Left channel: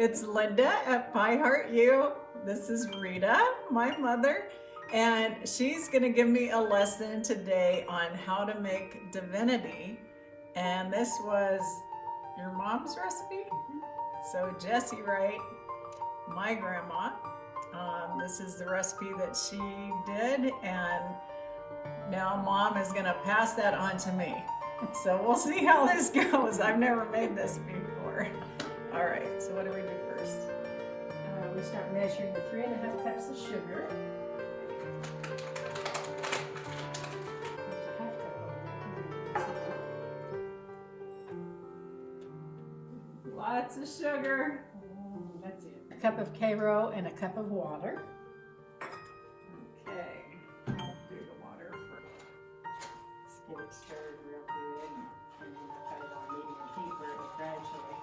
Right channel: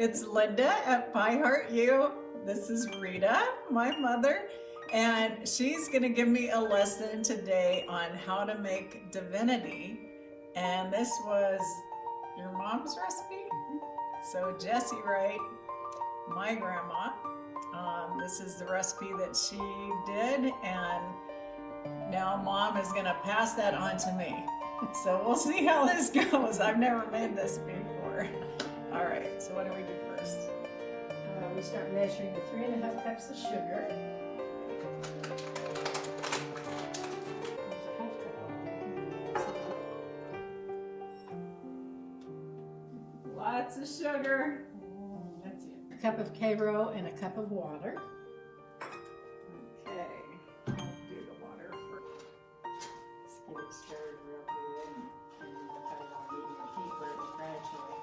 It's Linda at Pie Heart U. This is Rita, my mother, and she's going to give me a lesson today on how to make divinity. And this was your mom's recipe? So Jessie Wright, my grandma, this is the recipe that she did, and now Mom is going to pass that on to me. So we'll see how this goes. I've never made this before. All right, so what do we do first? We start measuring the 3½ cups of sugar. Lots of sugar. That's it. A cup of Karo and a cup of water. Okay, I'll do the water first. Just get it stirred real good, and then we'll put it on medium heat where it will gradually.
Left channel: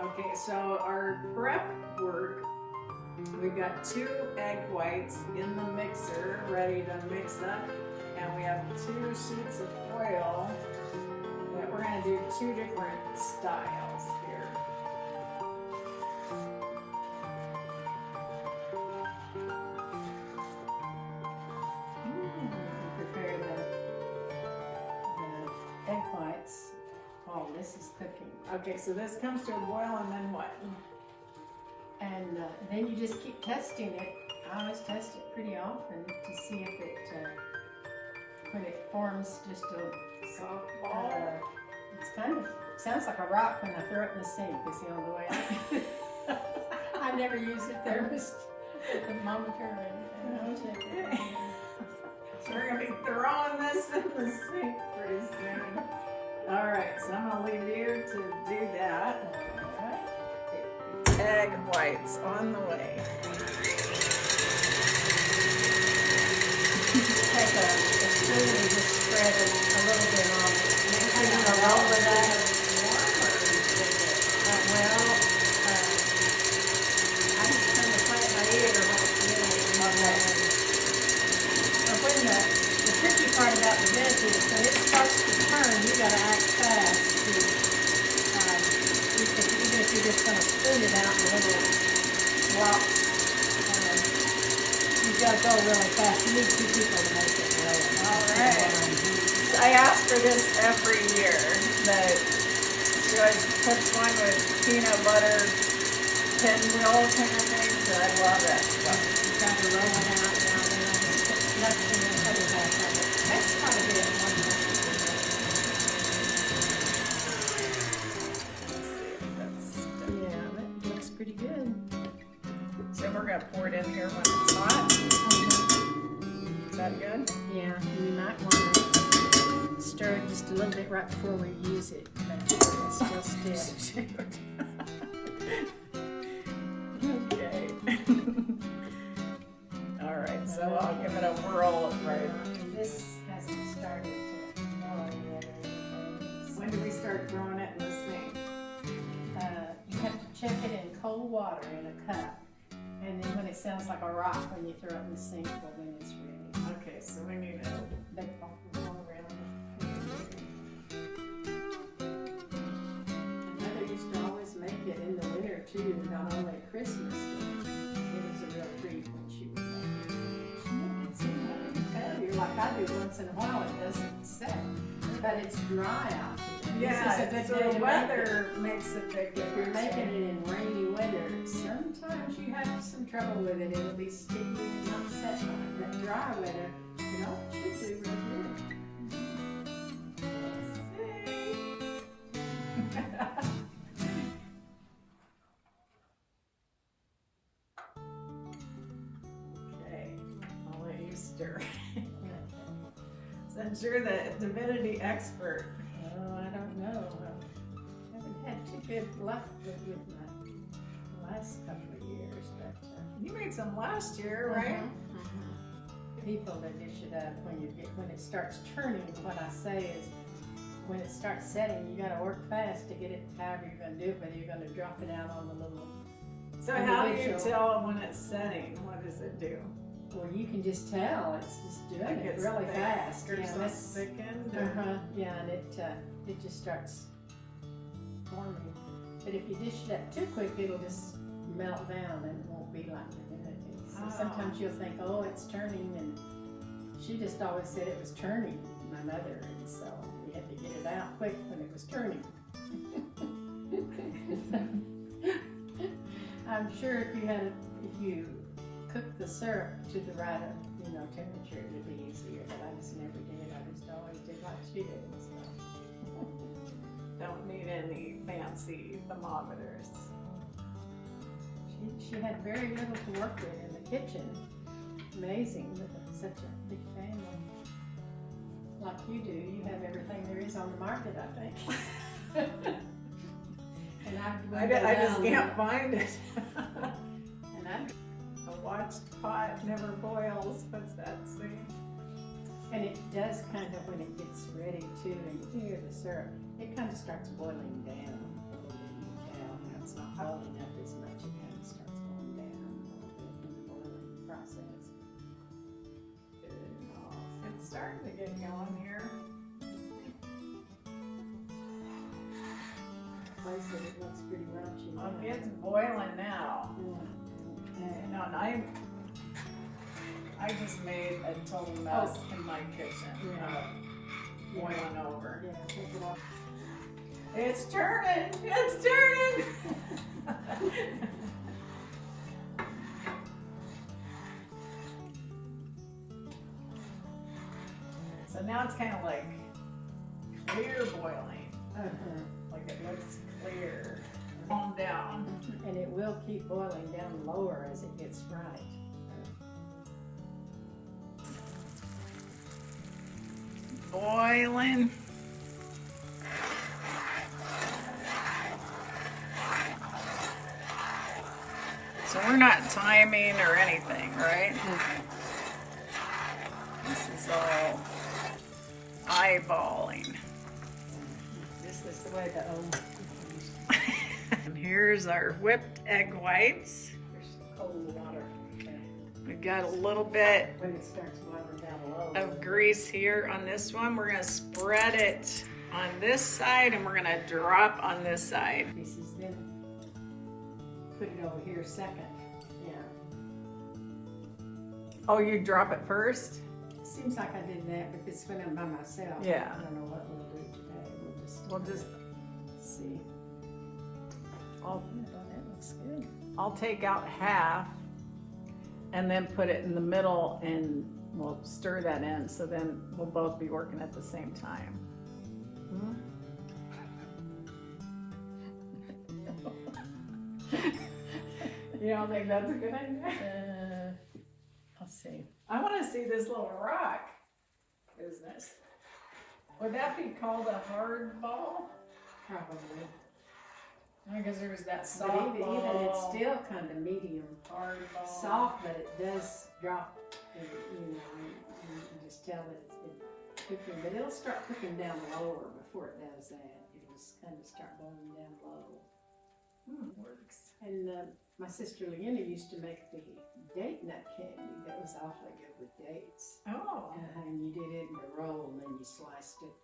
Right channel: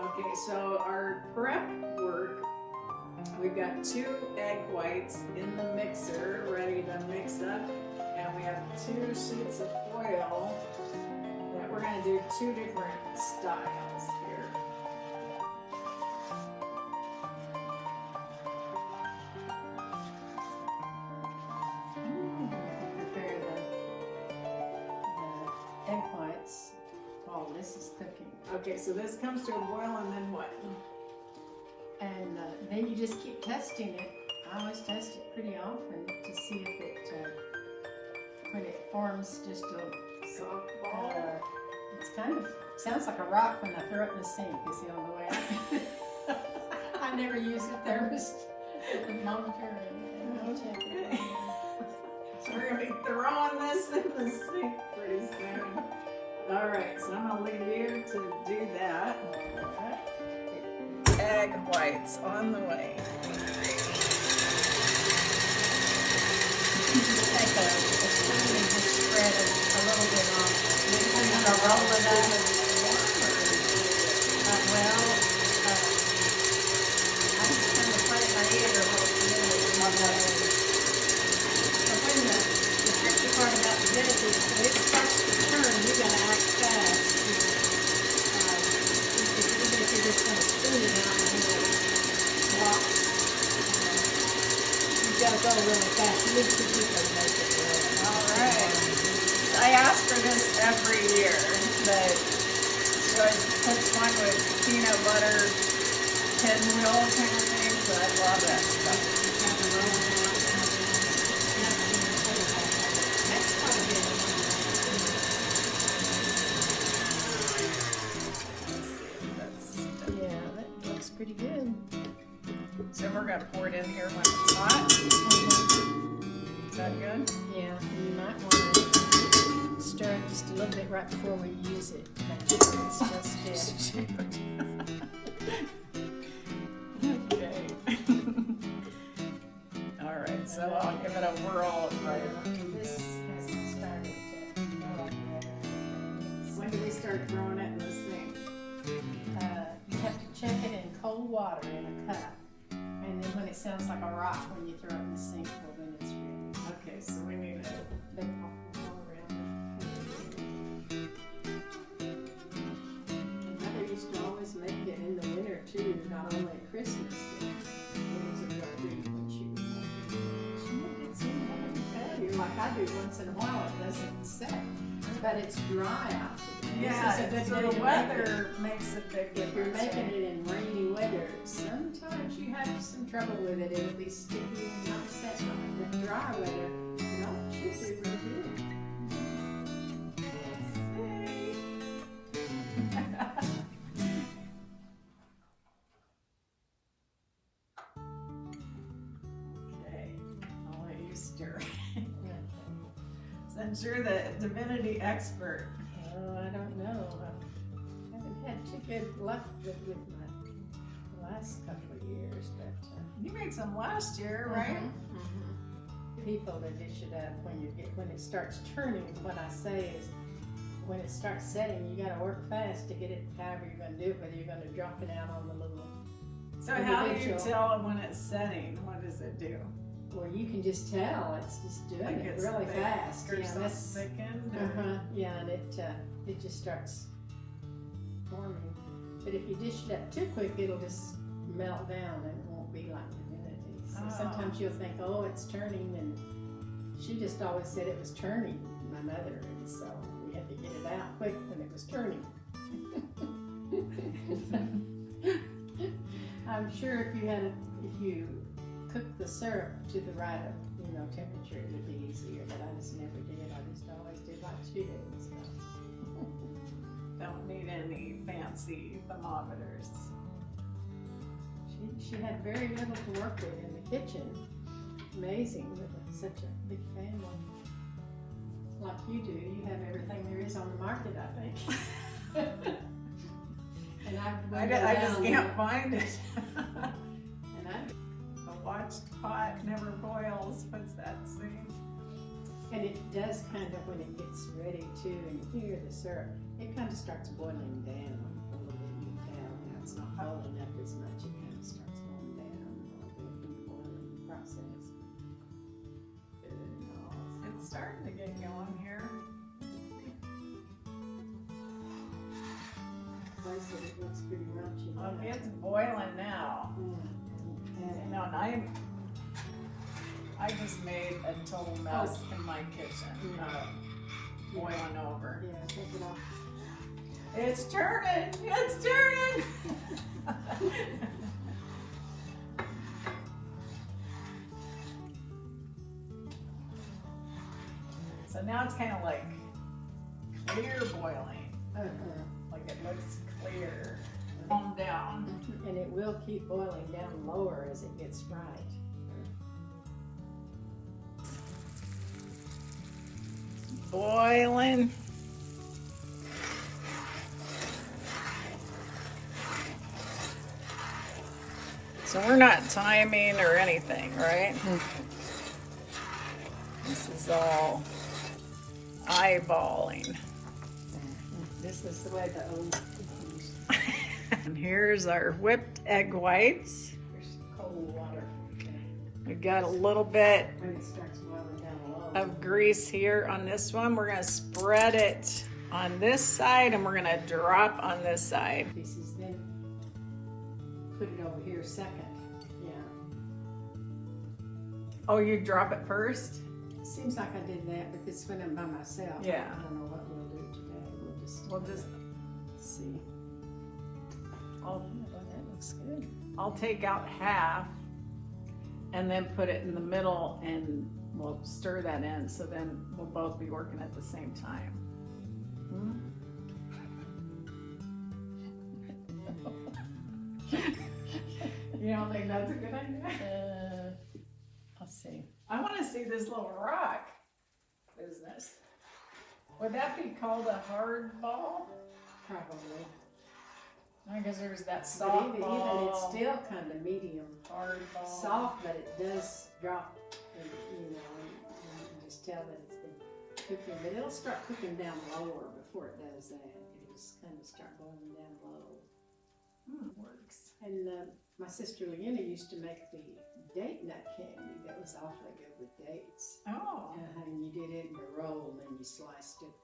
Okay, so our prep work, we've got 2 egg whites in the mixer ready to mix up, and we have 2 sheets of foil that we're going to do 2 different styles here. Prepare the egg whites while this is cooking. Okay, so this comes to a boil, and then what? And then you just keep testing it. I always test it pretty often to see if it, when it forms just a Soft ball? it's kind of, sounds like a rock when I throw it in the sink, is the only way I never use a thermos thermometer and check it. So we're going to be throwing this in the sink pretty soon. All right, so I'm going to leave you to do that. Egg whites on the way. Just take a spoon and just spread it a little bit on. Kind of go over that. Well, I just kind of plant my ear a little on that. The tricky part about the divinity is when it starts to turn, you gotta act fast. Because even if you're just gonna spoon it out and then it walks, you gotta go really fast. You need 2 people to make it really. All right. I ask for this every year, but she always puts one with peanut butter, pinwheel kind of things, and I love that stuff. You try to roll it out and that's probably good. Yeah, that looks pretty good. So we're going to pour it in here when it's hot. Is that good? Yeah, you might want to stir it just a little bit right before we use it. It's still stiff. Okay. All right, so I'll give it a whirl. This hasn't started to mellow yet or anything. When do we start throwing it in the sink? You have to check it in cold water in a cup. And then when it sounds like a rock when you throw it in the sink, well then it's ready. Okay, so we need it. But all around it. And Mother used to always make it in the winter too, not only at Christmas. It was a real treat when she would make it. She made it so much failure, like I do once in a while. It doesn't set, but it's dry out today. Yeah, this is a good so day the to weather makes a big If you're difference. making it in rainy weather, sometimes you have some trouble with it. It'll be sticky and not set on it. But dry weather, you know, it should do real good. Okay, I'll let you stir. Since you're the divinity expert. Oh, I don't know. I haven't had too good luck with my last couple of years, but You made some last year, right? People that dish it up when it starts turning. What I say is, when it starts setting, you got to work fast to get it. However you're going to do it, whether you're going to drop it out on the little. So how do you tell when it's setting? What does it do? Well, you can just tell. It's just doing Like it it's really thick fast. or Yeah, something that's thickened, or- yeah, and it just starts forming. But if you dish it up too quick, it'll just melt down and it won't be like Divinity. So sometimes you'll think, oh, it's turning, and she just always said it was turning, my mother, and so we had to get it out quick when it was turning. I'm sure if you cooked the syrup to the right temperature, it would be easier. But I just never did. I just always did like she did. So. Don't need any fancy thermometers. She had very little to work with in the kitchen. Amazing with such a big family. Like you do, you have everything there is on the market, I think. And I just can't find it. And a watched pot never boils. What's that saying? And it does kind of, when it gets ready too, and you hear the syrup, it kind of starts boiling down. It's not boiling up as much. It kind of starts going down a little bit in the boiling process. It's starting to get going here. I said it looks pretty raunchy now. It's boiling now. And I just made a total mess in my kitchen. Boiling over. Yeah, take it off. It's turning! It's turning! So now it's kind of like clear boiling. Like it looks clear. Calm down. And it will keep boiling down lower as it gets right. Boiling. So we're not timing or anything, right? This is all eyeballing. This was the way the And here's our whipped egg whites. There's cold water. We got a little bit When it starts boiling down low. of grease here on this one. We're gonna spread it on this side and we're gonna drop on this side. Pieces, then put it over here second. Yeah. Oh, you drop it first? Seems like I did that, but this went in by myself. Yeah. I don't know what we'll do today. We'll just see. Oh, that looks good. I'll take out half and then put it in the middle and we'll stir that in, so then we'll both be working at the same time. You don't think that's a good idea? I'll see. I want to see this little rock business. Would that be called a hard ball? Probably. I guess there was that But soft even ball. it's still kind of medium. hard ball. Soft, but it does drop, and, and you can just tell that it's been cooking. But it'll start cooking down lower before it does that. It'll just kind of start boiling down low. Works. And my sister Leanna used to make the date nut candy that was awfully good with dates. Oh. And you did it in a roll and then you sliced it.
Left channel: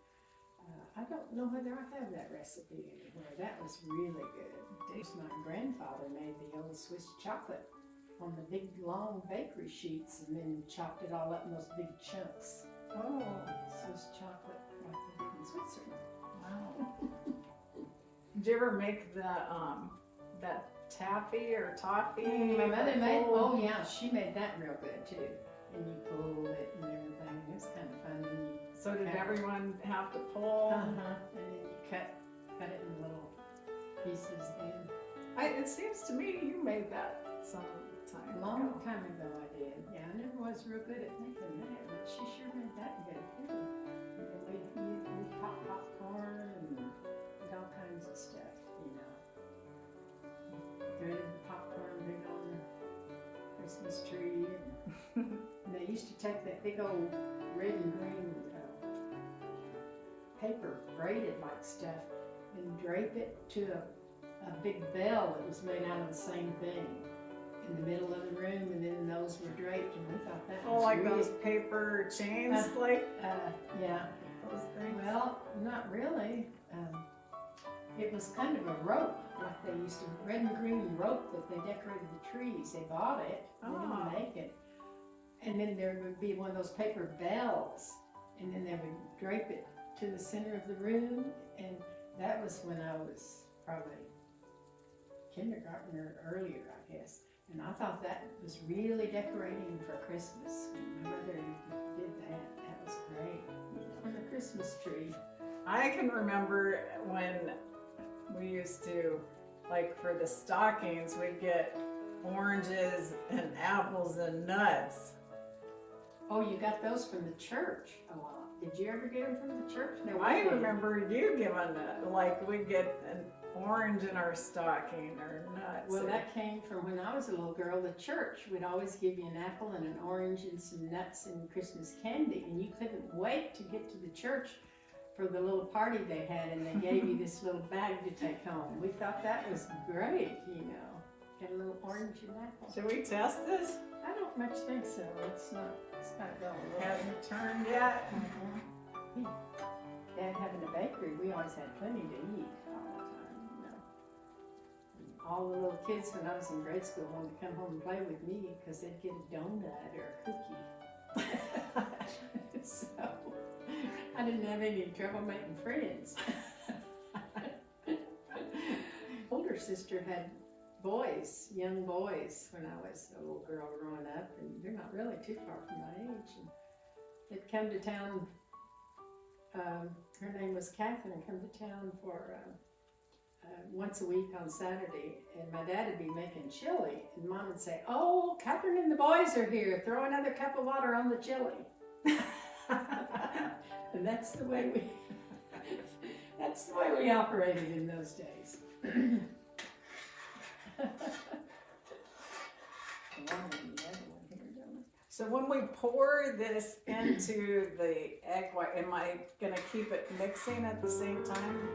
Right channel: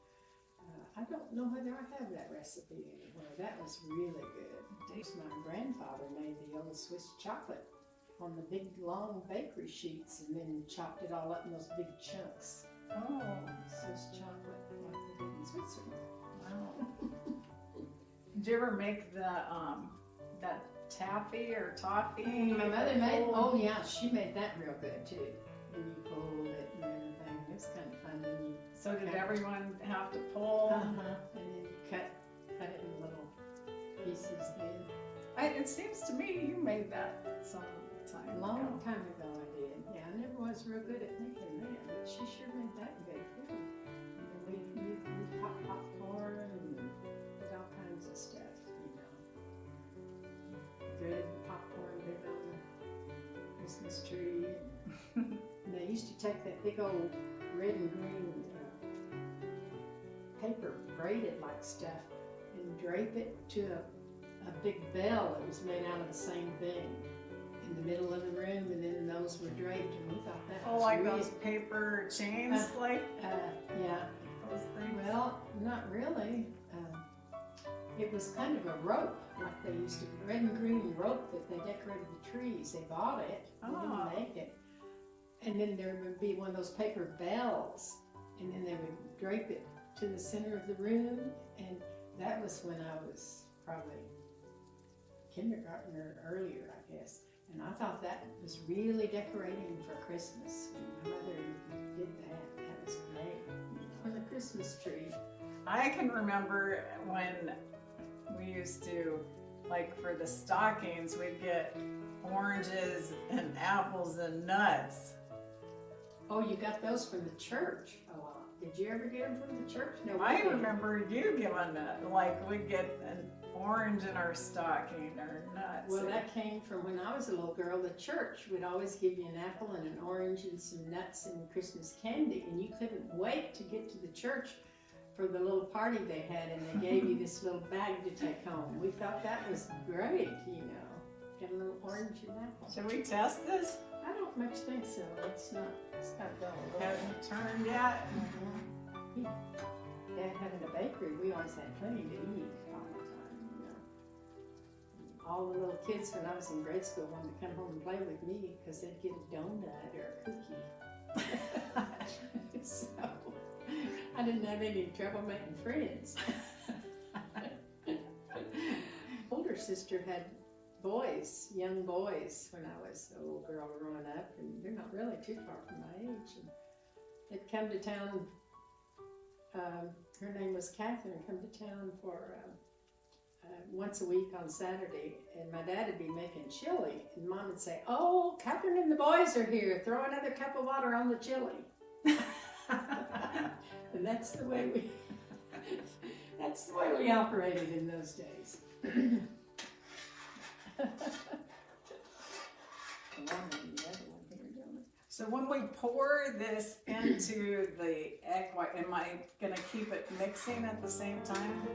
I don't know whether I have that recipe anywhere. That was really good. My grandfather made the old Swiss chocolate on the big long bakery sheets and then chopped it all up in those big chunks. Oh. Swiss chocolate like they did in Switzerland. Wow. Did you ever make the that taffy or toffee? My mother made, oh yeah, she made that real good too. And you pulled it and everything. It was kind of fun when you. So did everyone have to pull? And then you cut it in little pieces. Then It seems to me you made that some time a long ago. time ago I did. Yeah, I never was real good at making that, but she sure made that good too. And then we pop popcorn and did all kinds of stuff, you know. Threaded the popcorn big on the Christmas tree. And they used to take that big old red and green paper, braided like stuff, and drape it to a big bell that was made out of the same thing in the middle of the room, and then those were draped, and we thought that was like really, those paper chains, like yeah. those things. Well, not really. It was kind of a rope, like they used to, red and green rope that they decorated the trees. They bought it, they didn't make it. And then there would be one of those paper bells, and then they would drape it to the center of the room. And that was when I was probably kindergarten or earlier, I guess. And I thought that was really decorating for Christmas. When my mother did that, that was great. On the Christmas tree. I can remember when we used to, like for the stockings, we'd get oranges and apples and nuts. Oh, you got those from the church a lot. Did you ever get them from the church? No, I remember you giving it, like we'd get an orange in our stocking or nuts. Well, that came from when I was a little girl. The church would always give you an apple and an orange and some nuts and Christmas candy, and you couldn't wait to get to the church for the little party they had, and they gave you this little bag to take home. We thought that was great, you know. Get a little orange and apple. Should we test this? I don't much think so. It's not going a little. Hasn't turned yet. Dad having a bakery, we always had plenty to eat all the time, you know. And all the little kids when I was in grade school wanted to come home and play with me because they'd get a donut or a cookie. So I didn't have any trouble making friends. Older sister had boys, young boys, when I was a little girl growing up, and they're not really too far from my age. And they'd come to town. Her name was Catherine. Come to town for once a week on Saturday, and my dad would be making chili, and Mom would say, "Oh, Catherine and the boys are here. Throw another cup of water on the chili." And that's the way we operated in those days. So when we pour this into the egg white, am I gonna keep it mixing at the same time?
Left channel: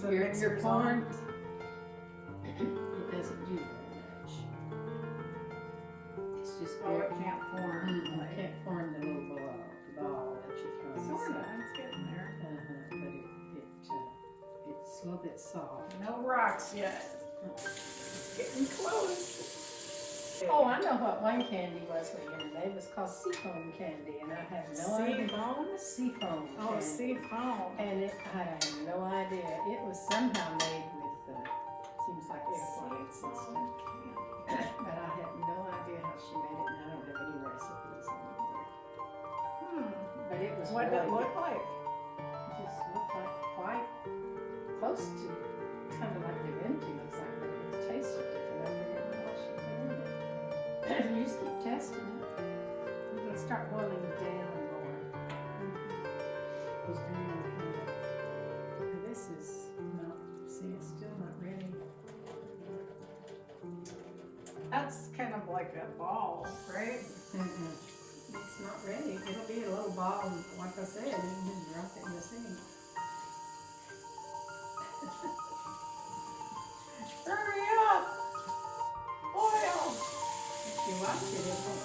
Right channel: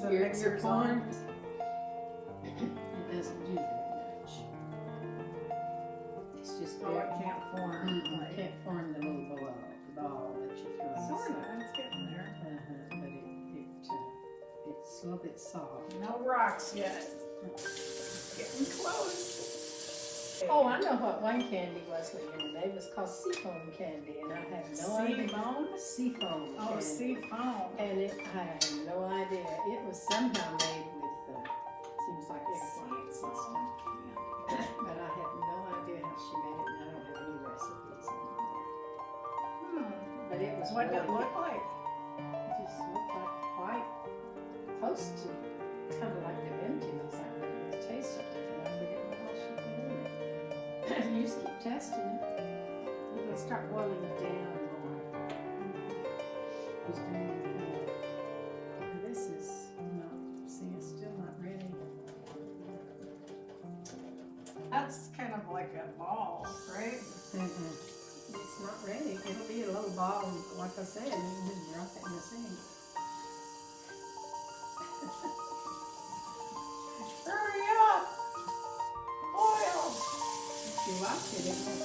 So You're mixer's pouring. on? It doesn't do very much. It's just Oh, it can't form. It Like, can't form the little ball that you throw in. sorta, it's getting there. But it's a little bit soft. No rocks yet. Getting close. Oh, I know what wine candy was we made. It was called seafoam candy, and I had no idea. Seafoam Oh, candy. seafoam. And I had no idea. It was somehow made with, seems like eggplant and stuff. But I had no idea how she made it, and I don't have any recipes anymore. But it was What did really it look like? It just looked like quite close to kind of like Divinity looks like, but it tasted different. I forget what else she put in it. You just keep testing it. It'll start boiling down more. This is not, see, it's still not ready. That's kind of like a ball, right? It's not ready. It'll be a little ball, like I said, and you can drop it in the sink. Hurry up! Oil! If you like it, it won't.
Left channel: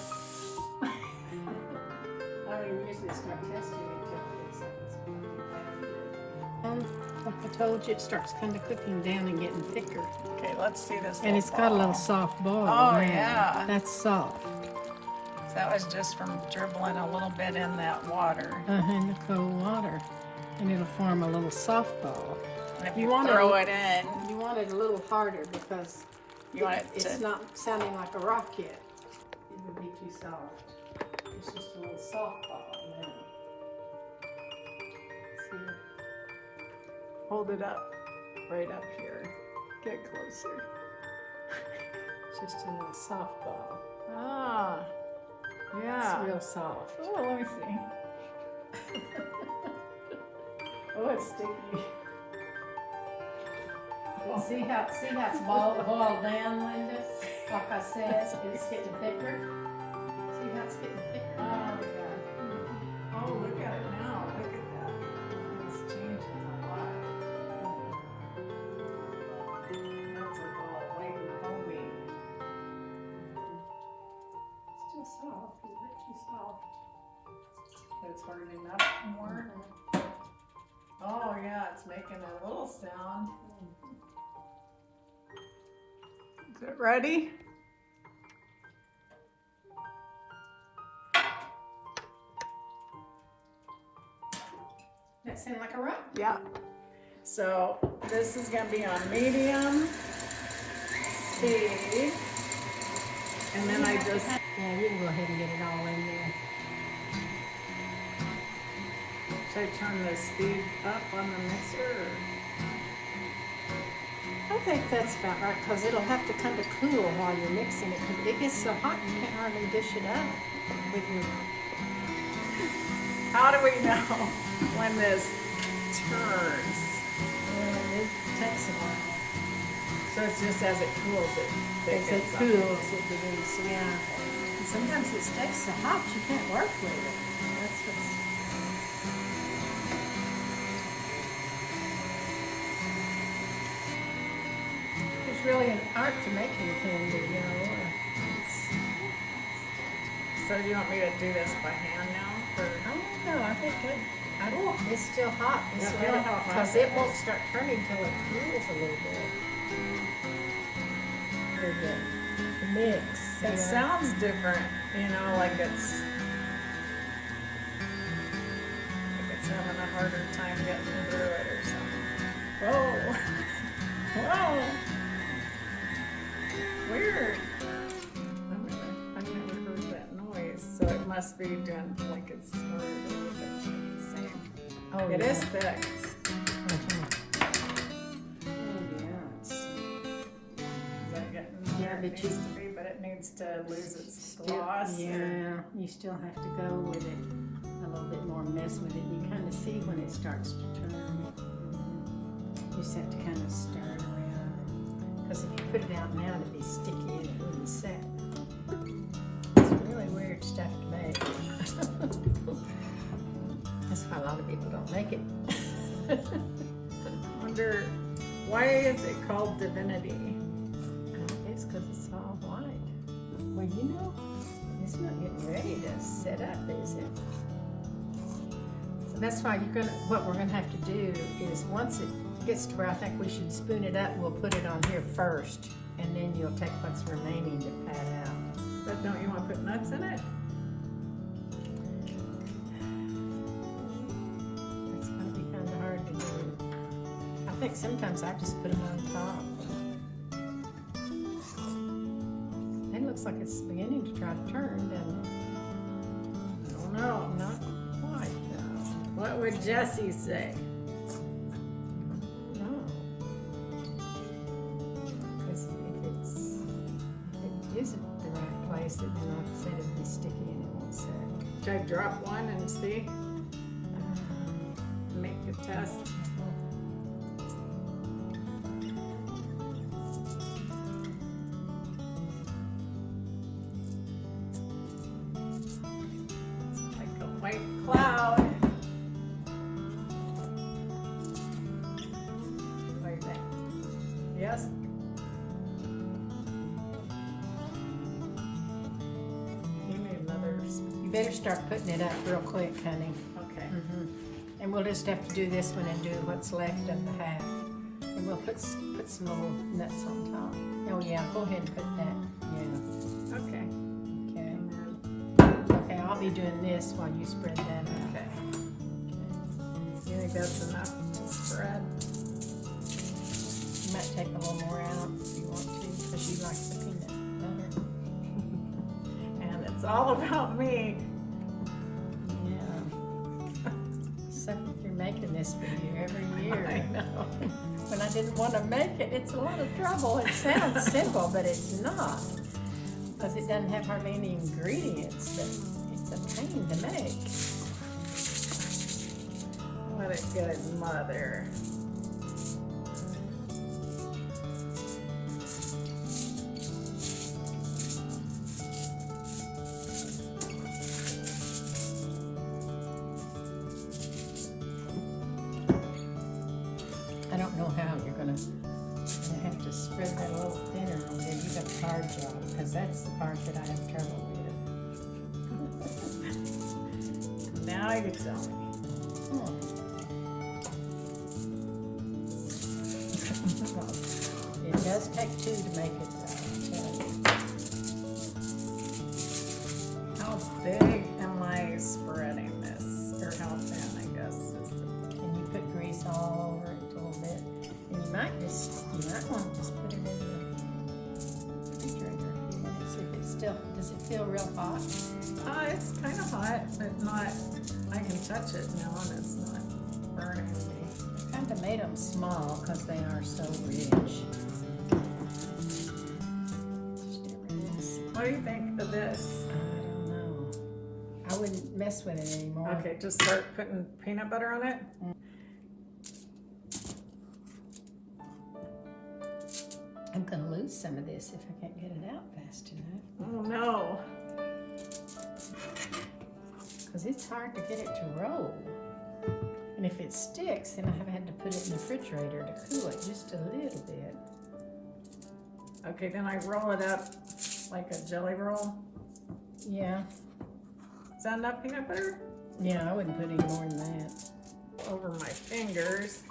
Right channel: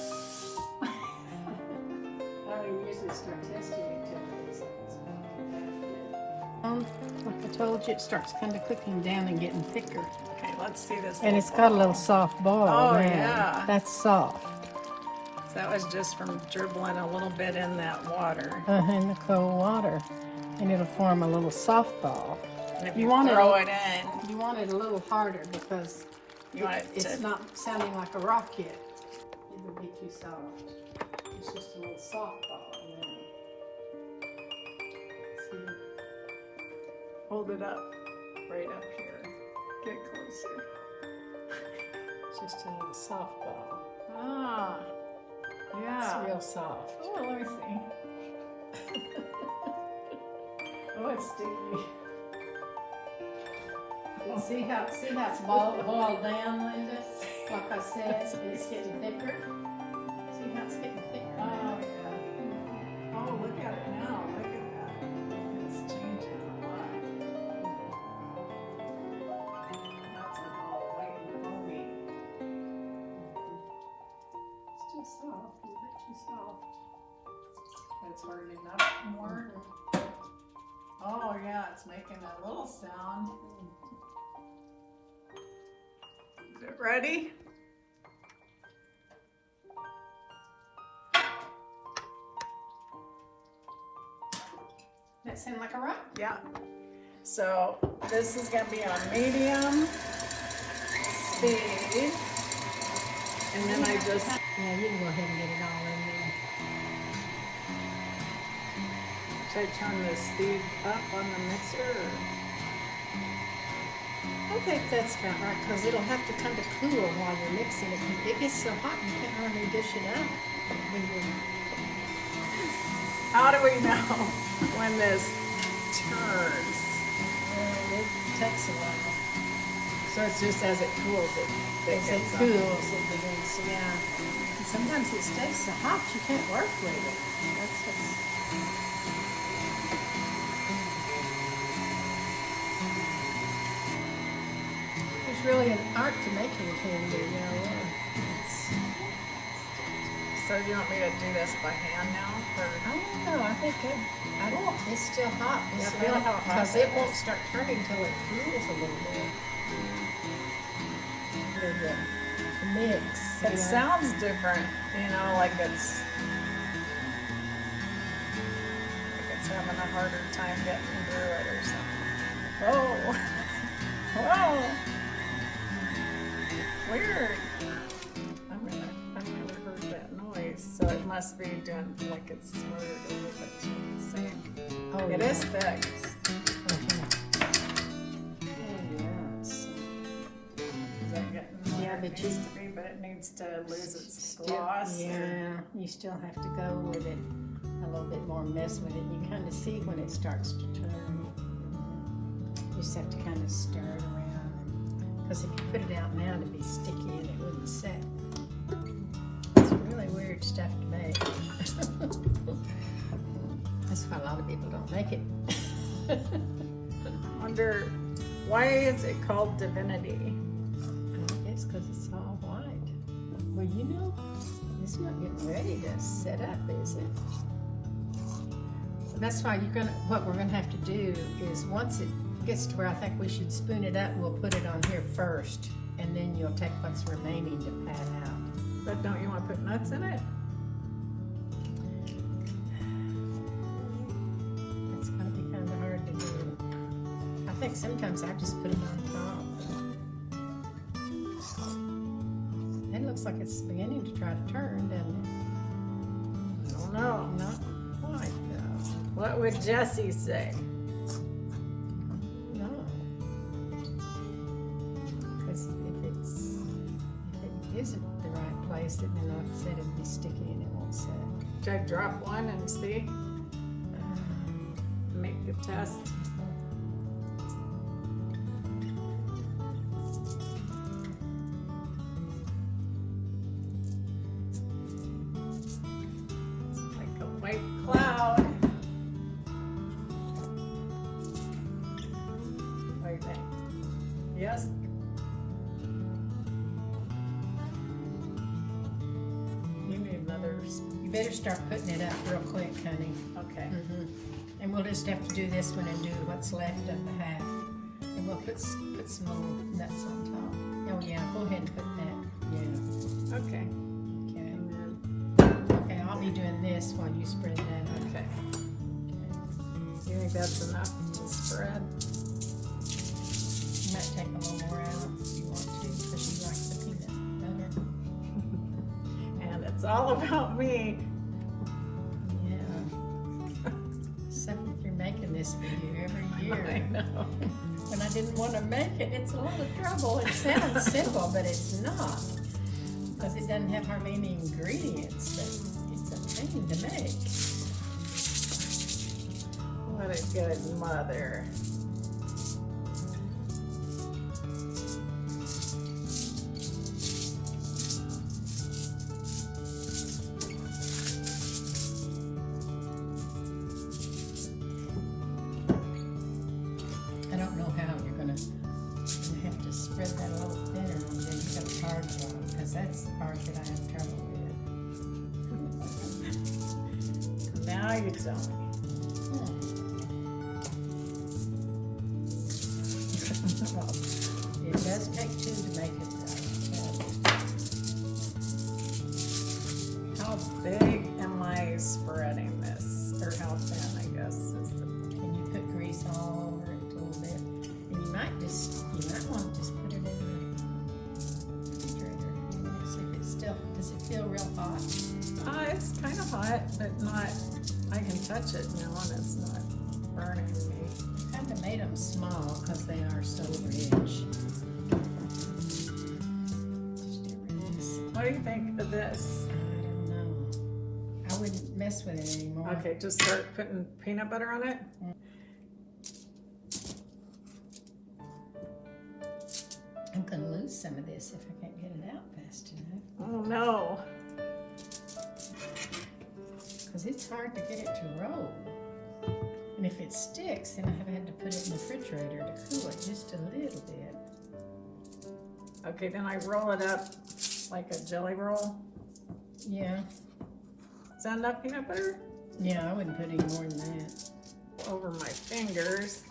I don't usually start testing it till it's like I told you, it starts kind of cooking down and getting thicker. Okay, let's see this. And it's got a little soft ball Oh, now. yeah. That's soft. That was just from dribbling a little bit in that water. In the cold water. And it'll form a little soft ball. And if You you want throw it- it in, You want it a little harder because you want it it's to. not sounding like a rock yet. It would be too soft. It's just a little soft ball now. See? Hold it up. Right up here. Get closer. It's just a little soft ball. Ah. Yeah. It's real soft. Oh, let me see. Oh, it's sticky. See how it's boiled down, Linda? Like I said, it's getting thicker. See how it's getting thicker? Oh, yeah. Oh, look at it now. Look at that. It's changing a lot. That's like all white and foamy. Still soft, a little bit too soft. It's hardening up more. Oh yeah, it's making a little sound. Is it ready? That sound like a rock? Yeah. So this is gonna be on medium speed. And then I just, Yeah, you can go ahead and get it all in there. should I turn the speed up on the mixer? I think that's about right, because it'll have to kind of cool while you're mixing it, because it gets so hot you can't hardly dish it up. With your... How do we know when this turns? It takes a while. So it's just as it cools, it As it gets up. cools, it begins, yeah. And sometimes it stays so hot you can't work with it. That's what's... It's really an art to making candy, you know. It's, So do you want me to do this by hand now? Or? I don't know. I think it's still hot. It's Yeah, really hot. because it won't start turning till it cools a little bit. The mix. It sounds different, you know, like it's having a harder time getting through it or something. Oh, whoa, weird. I've never heard that noise, so it must be doing like it's sort of a little bit the same. Oh, It yeah. is thick. Is that getting Yeah, where it but needs you- to be, but it needs to lose its Still, gloss. yeah, you still have to go with it a little bit more, mess with it. You kind of see when it starts to turn. You just have to kind of stir it around. Because if you put it out now, it'd be sticky and it wouldn't set. It's really weird stuff to make. That's why a lot of people don't make it. Wonder why is it called Divinity? I guess because it's all white. Well, you know, it's not getting ready to set up, is it? That's why what we're gonna have to do is once it gets to where I think we should spoon it up, we'll put it on here first, and then you'll take what's remaining to pat out. But don't you want to put nuts in it? It's gonna be kind of hard to do. I think sometimes I just put it on top. It looks like it's beginning to try to turn, doesn't it? I don't know. Not quite though. What would Jesse say? No. Because if it isn't the right place, then like I said, it'll be sticky and it won't set. Should I drop one and see? Make a test. Like a white cloud. What do you think? Yes? You need another. You better start putting it up real quick, honey. Okay. And we'll just have to do this one and do what's left of the half. And we'll put some little nuts on top. Oh yeah, go ahead and put that. Yeah. Okay. Okay. And then, Okay, I'll be doing this while you spread that out. okay. You think that's enough to spread? You might take a little more out if you want to, because she likes the peanut butter. And it's all about me. Yeah. So if you're making this for you every year. I know. When I didn't want to make it, it's a lot of trouble. It sounds simple, but it's not. Because it doesn't have hardly any ingredients, but it's a pain to make. What a good mother. I don't know how you're gonna have to spread that a little thinner, and then you got the hard job, because that's the part that I have trouble with. Now you tell me. does take two to make it right. How big am I spreading this? Or how thin, I guess, is the... And you put grease all over it a little bit. And you might want to just put it in the refrigerator a few minutes if it's still, does it feel real hot? It's kind of hot, but not, I can touch it now and it's not burning me. I kind of made them small because they are so rich. What do you think of this? I don't know. I wouldn't mess with it anymore. Okay, just start putting peanut butter on it. I'm going to lose some of this if I can't get it out fast enough. Oh no. Because it's hard to get it to roll. And if it sticks, then I've had to put it in the refrigerator to cool it just a little bit. Okay, then I roll it up like a jelly roll. Yeah. Is that enough peanut butter? Yeah, I wouldn't put any more than that. Over my fingers.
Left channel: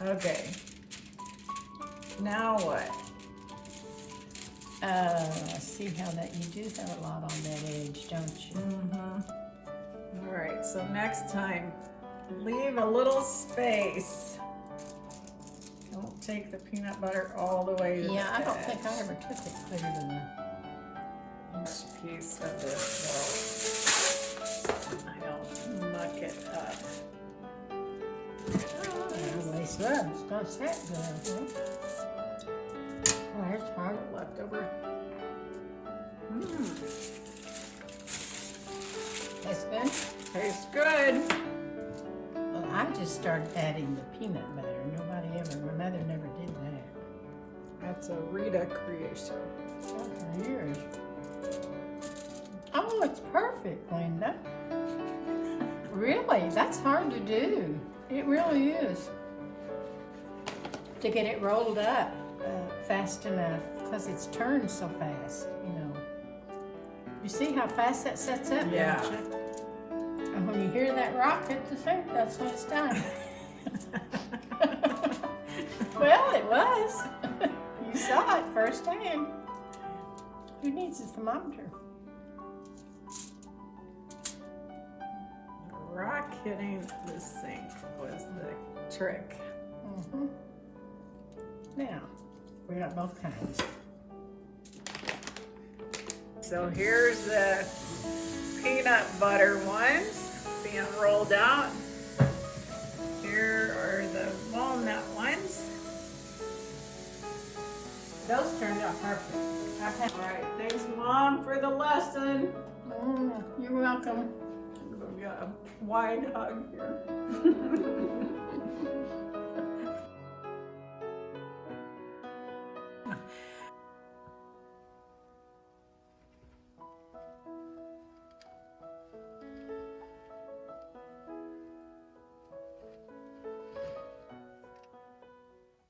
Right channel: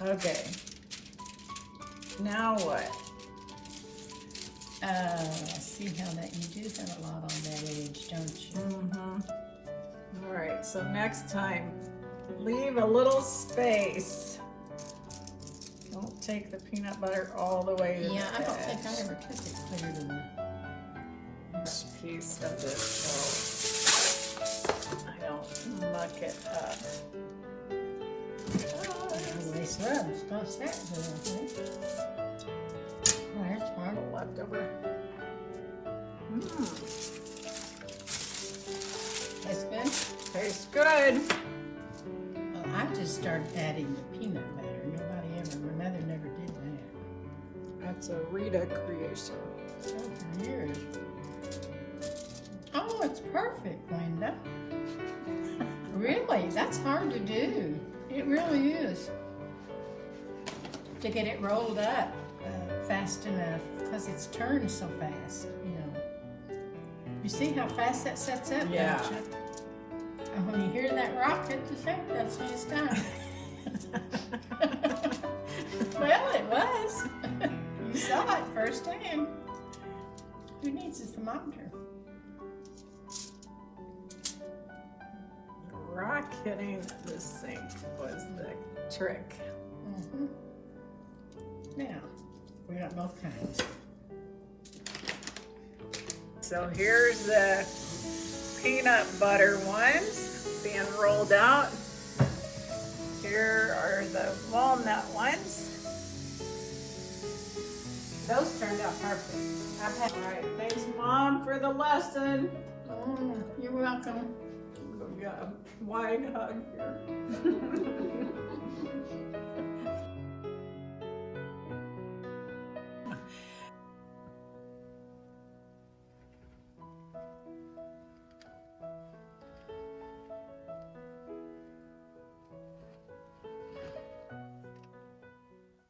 Okay. Now what? See how that, you do have a lot on that edge, don't you? Mm-hmm. All right, so next time, leave a little space. Don't take the peanut butter all the way to the Yeah, I don't edge. think I ever took it clear to This piece of this, so I don't muck it up. the waste loves. What's that doing, huh? Oh, that's hard. Leftover. Tastes good? Tastes good. Well, I just started adding the peanut butter. My mother never did that. That's a Rita creation. Oh, for years. Oh, it's perfect, Linda. Really, that's hard to do. It really is. To get it rolled up fast enough, because it's turned so fast, you know. You see how fast that sets up, Yeah. don't you? And when you hear that rock hit the center, that's when it's done. Well, it was. You saw it firsthand. Who needs a thermometer? Rock hitting the sink was the trick. Mm-hmm. Now, we're got both kinds. So here's the peanut butter ones being rolled out. Here are the walnut ones. Those turned out perfect. All right, thanks Mom for the lesson. You're welcome. We got a wide hug here.